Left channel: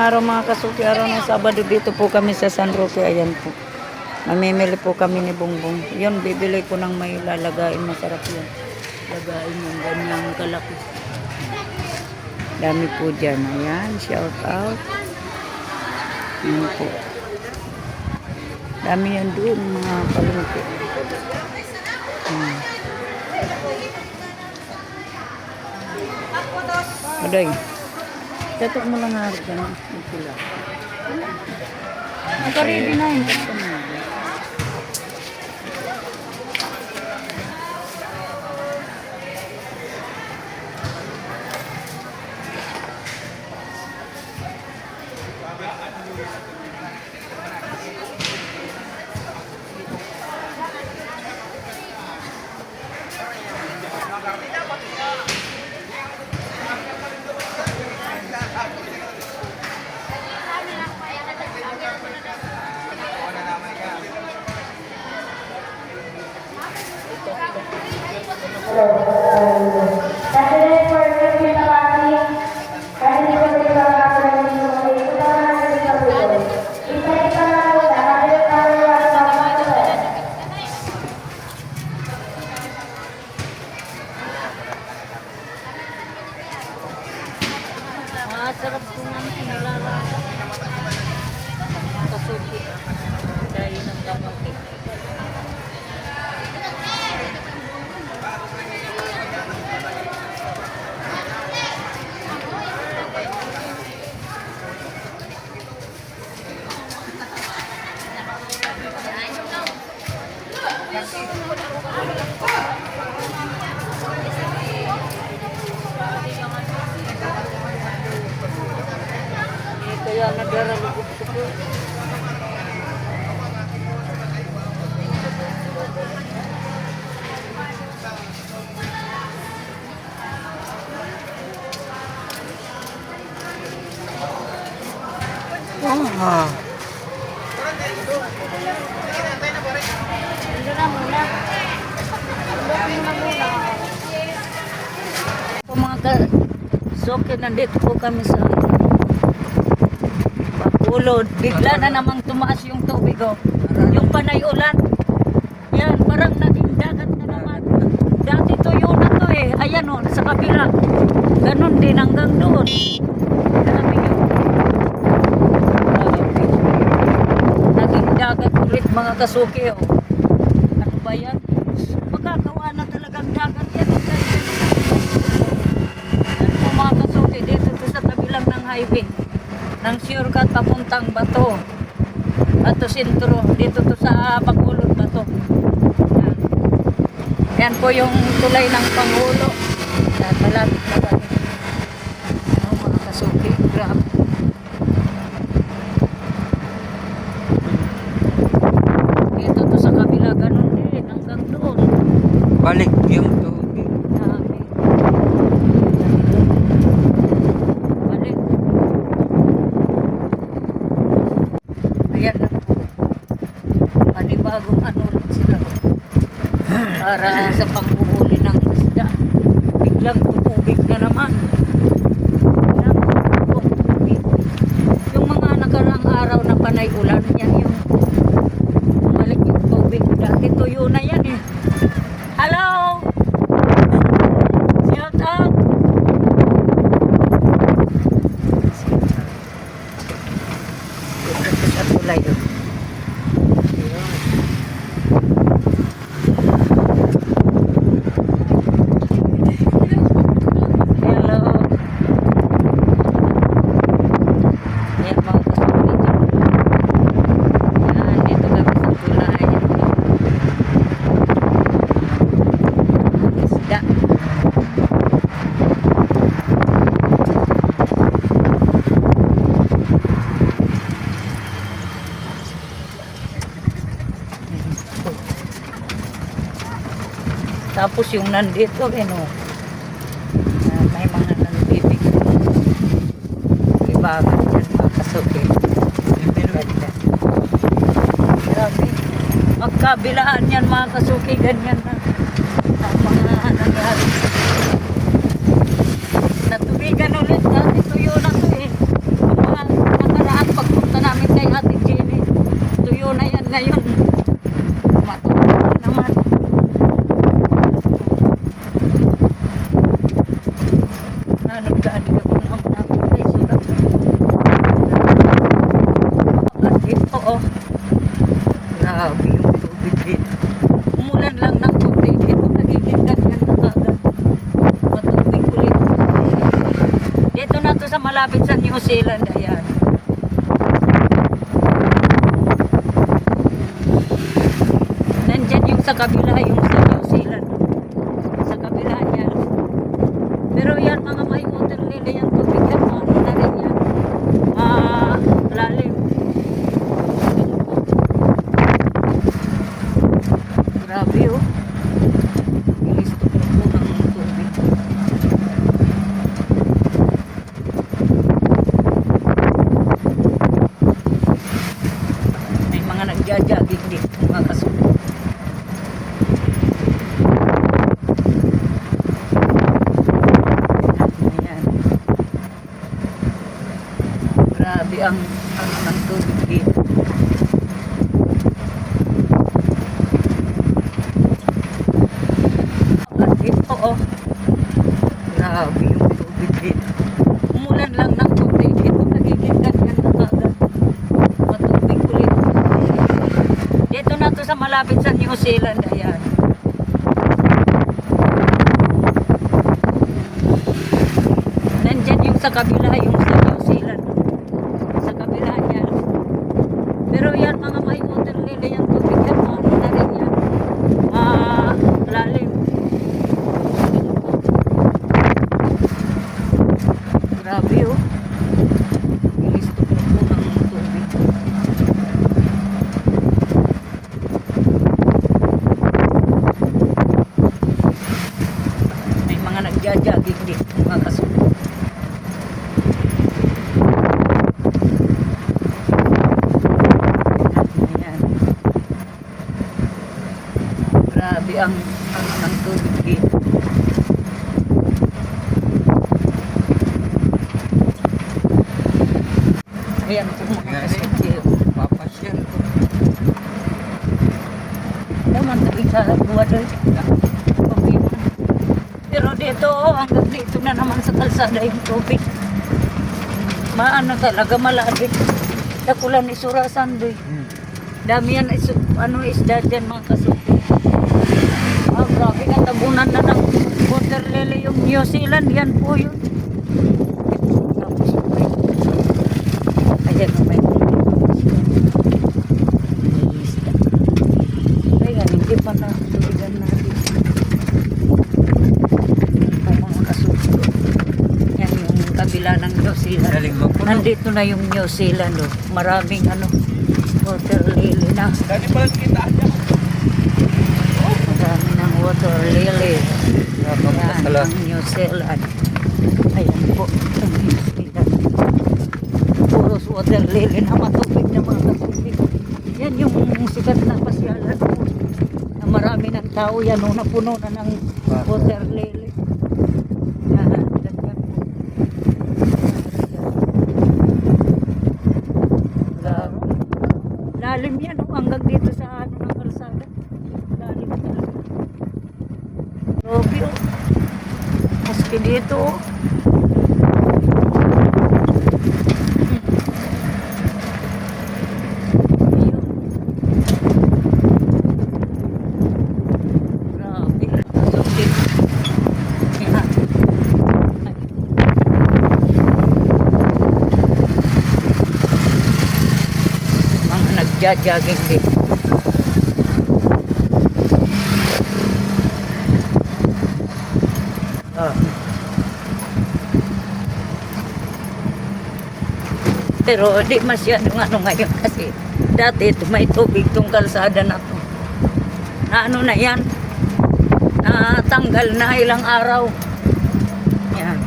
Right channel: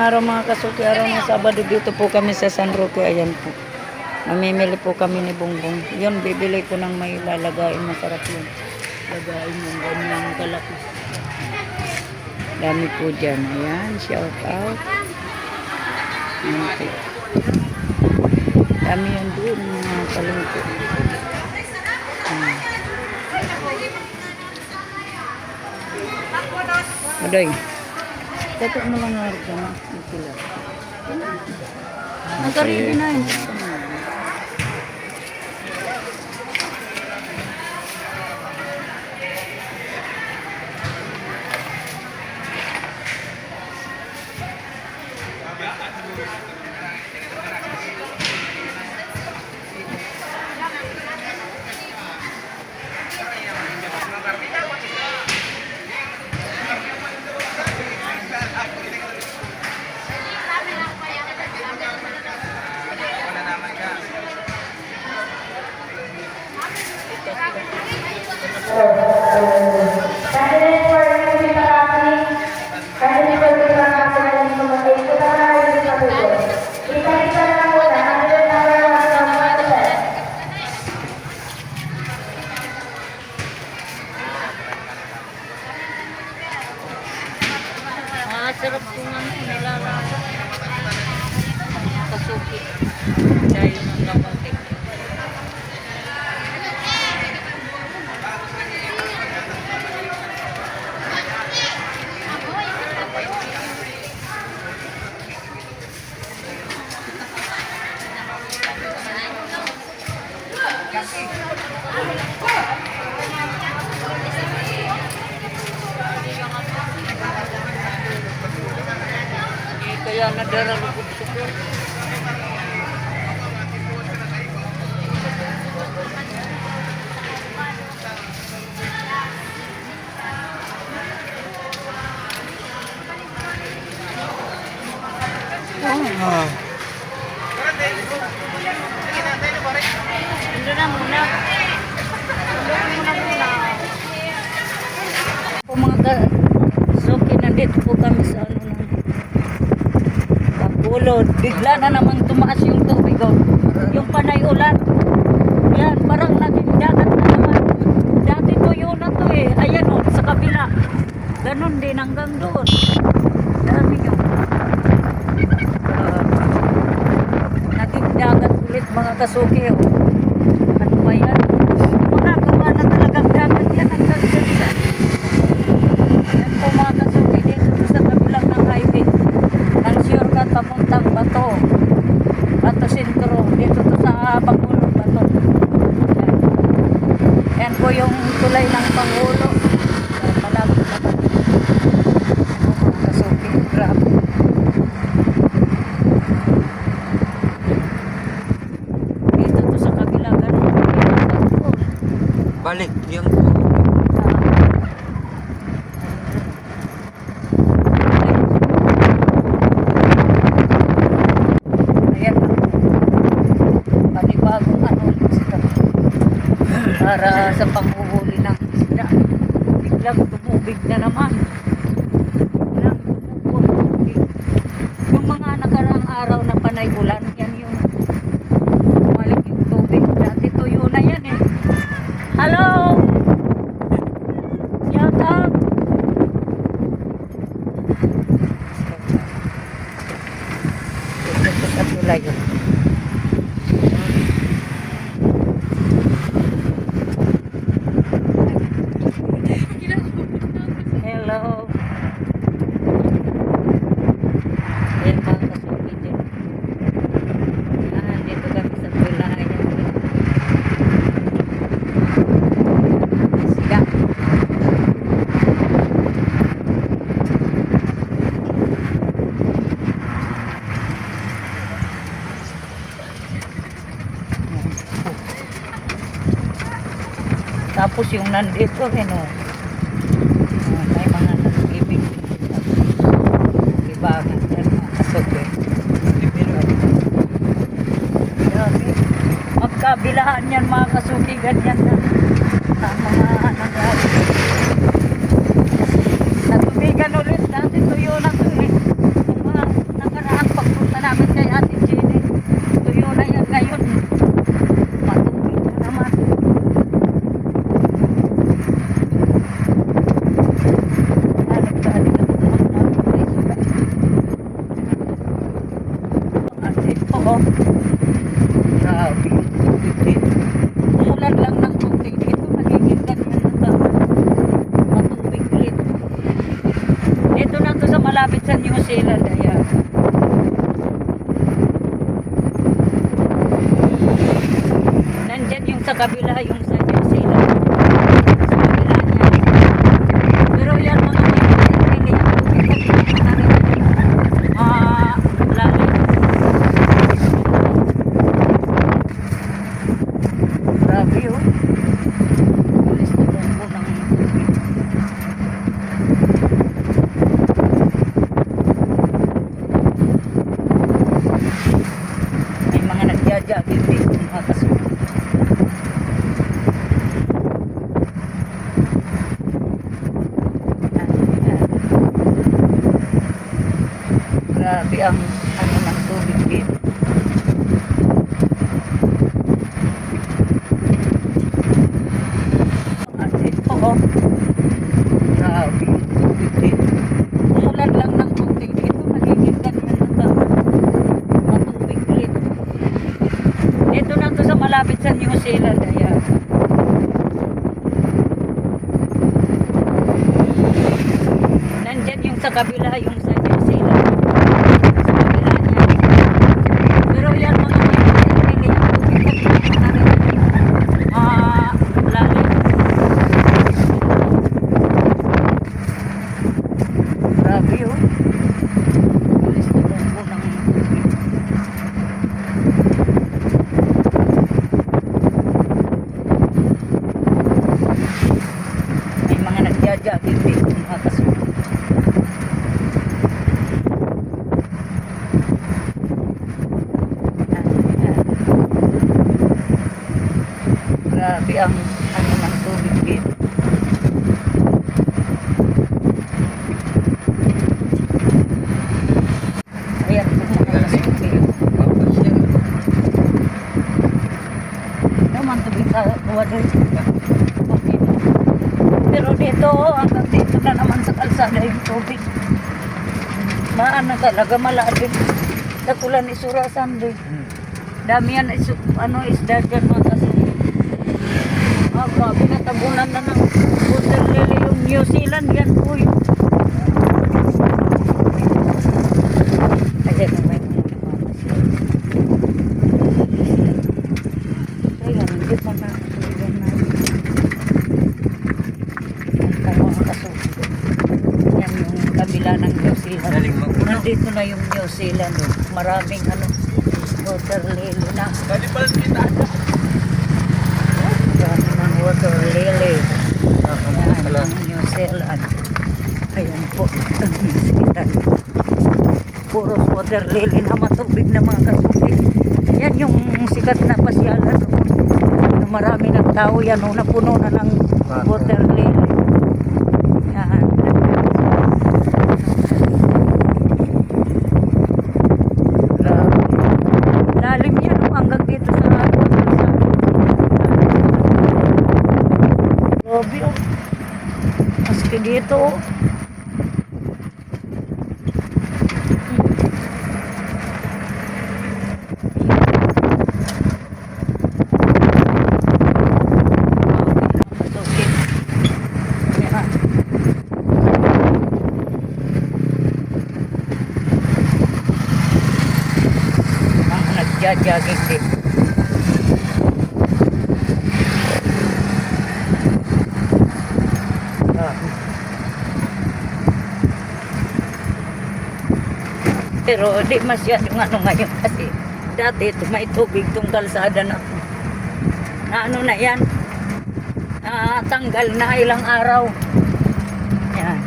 Araw mga kasuki, araw ng Sabado dito po kami sa San Roque. Ayan po. Mamimili po kami ni Bongbong. Yun, bibili ko ng may lalagain. Masarap yun. Lagain yung ganyang kalaki. Dami po dyan. Ayan, shout out. Ayan po. Dami yan doon mga kalungkot. Aday. Tetok mo lang harga na. Sila. Nagkaredy na yun. Sarap kung ano, nilalaga. Kasuki. Dahil ng kamote. Kaya nadaralugod ko po. Ando na muna. Po mga ka-soke, nandito po kami sa Bacolod. Bigla na namang tumaas yung tubig, oh. Yung panay ulan. Yan, parang naging dagat na naman. Dati tuyo na to eh. Ayan oh, sa kabila. Ganun din hanggang doon. Dami nyo. Naging dagat ulit mga kasuki, oh. Ano ba yan? Magagawa na talagang dagat yan ang dagat. Yan po mga kasuki, dito sa kabilang ng highway. Nang shortcut papuntang Bato. Bato Sentro. Dito to sa Bacolod, Bato. Yan po yung tulay ng Pangulo. Yan, malapit na kami. Ano mga kasuki, grabe. Dito to sa kabila, ganun. Balik yung panibagong ano sila para sa panghuhuli ng isda. Biglang tutubig na naman. Yung mga nakaraang araw na panay ulan, yan yung bumalik yung tubig. Dati tuyo na yan eh. Hello! Shout out! Ito sa tulay yun. Tapos yung nandito, ano, may mga nagbibig ibagan dyan, mga kasuki. Magkabilaan yan mga kasuki, ganyan na ang mga nangyari. Natubigan ulit, dati tuyo na to eh. Mga ngayon, matulog naman. Hanap ka, di ka kung naman natin may sulat. At ito, oh. Grabe yung tubig dito. Umulan lang ng tubig dito, nagiging ganyan na ka. Matubig ulit. Dito na to sa malapit sa New Zealand, ayan. Nandyan yung sa kabila, yung sa New Zealand. Sa kabila niya. Pero yan mga may hindi yan tubig. Hindi na rin yan. Lalim. Grabe oh. Alis na po ng tubig. May mga nagja-jogging dito mga kasuko. Yan. Grabe ang ano ng tubig dito. At ito oh. Grabe yung tubig dito. Umulan lang ng tubig dito. Nagiging ganyan na ka. Matubig ulit. Dito na to sa malapit sa New Zealand. Ayan. Nandyan yung sa kabila, yung sa New Zealand. Sa kabila niya. Pero yan mga may hindi yan tubig. Hindi na rin yan. Lalim. Grabe oh. Alis na po ng tubig. May mga nagja-jogging dito mga kasuko. Yan. Grabe ang ano ng tubig dito. Ayan po mga kasuko. Naman tabi sa buwan doon. Okay. Pero dito, hanggang dito na naman sa kalsada yung tubig. Maano talaga malalim. Dakulan ni Surasan doy. Dami yan isda dyan mga kasuko. Grabe na tabunan na ng water lily yung New Zealand. Yan po yung ayan o may ayan, hindi pa na tuligan na mga kasuko. Yan yung kabila ng New Zealand. Nandito na yung New Zealand oh. Maraming water lily na. Dali pala kita dyan. Marami ng water lily. Ayan ang New Zealand. Ayan po ang New Zealand. Puros water lily na matubig na mga kasuki. Yan yung sikat na pasyalan po. Na marami ng tao yan o napuno na ng water lily. Yan. Grabe. Lalim yan o hanggang dito sa kalsada. Grabe o. Maski dito o. Nagja-jogging dito. Pero di masyadong ngayon kasi dati ito may tubig itong kalsada na to. Na na yan. Natanggal na ilang araw. Yan.